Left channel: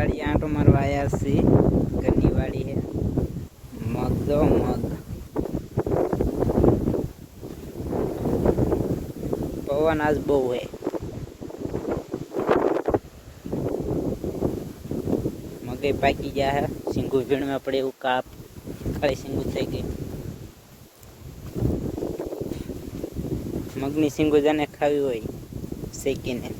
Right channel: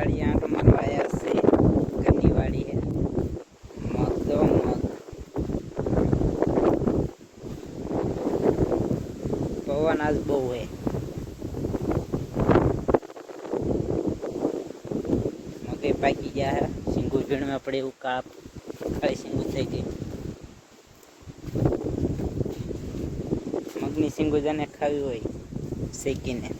વાડી આંટો મારવા આવ્યા છે. ઘરની વાડી છે. મગ દો મગ. પવન આજ બહુ હે. મગે પાકી ગયા હે. સિંગુ ભીણમાં પડે એવું કાપ ખાલી સિંગુ થઈ ગઈ. મગની સિંગુ જેને ખાવી હોય શેકીને.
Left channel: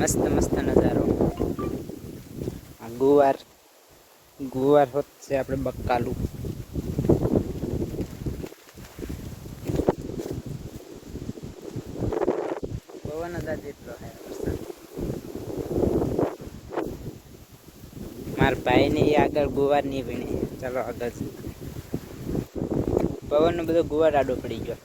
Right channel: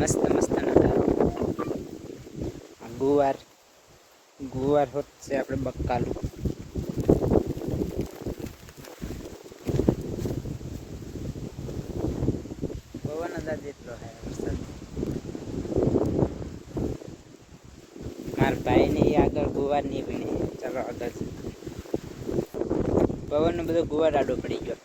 મસ્ત મસ્ત નજારો. ગુવાર હોત છે આપણે બકાલું. પવન જ એટલો હે. મારા ભાઈ ને આગળ ગુવાર નહીં ભીણે. ચાલો આગળ. પવન નો બધો ગુવાર આડો પડી ગયો.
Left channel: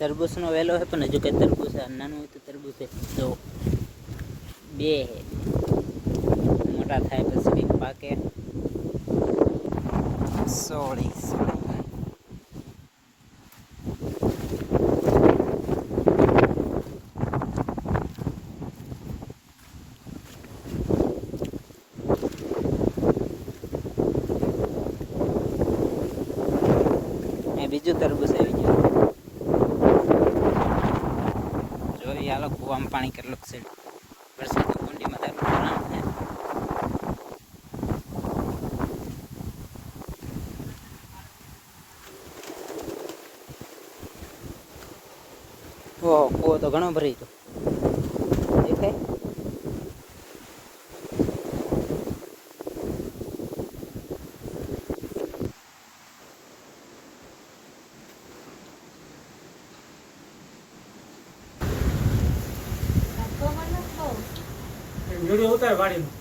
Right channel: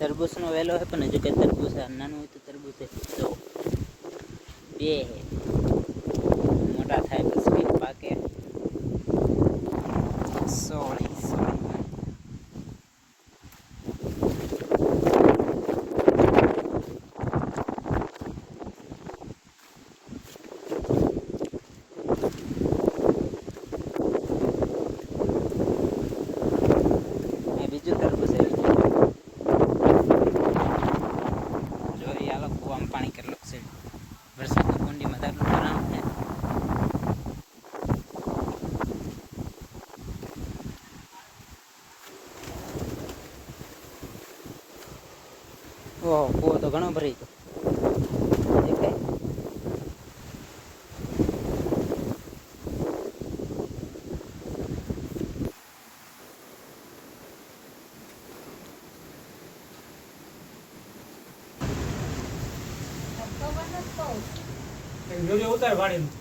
તરબૂચ નો વેલો હે પણ હજુ કઈ તરબૂચ નાનું હોય તો તરબૂચ જો બે હે. મોટા થાય પછી પાકે. સોળી બીજું તરબૂચ આવી ગયું. જોઈ હાલો કુવામાં પાણી કેટલું છે. વરસાદ કુંડીમાં તારું ભરાણ છે. ઓહો કુવો તો ઘણો ભરી ગયો. વિડીયો ઉતાર ગાડીનો.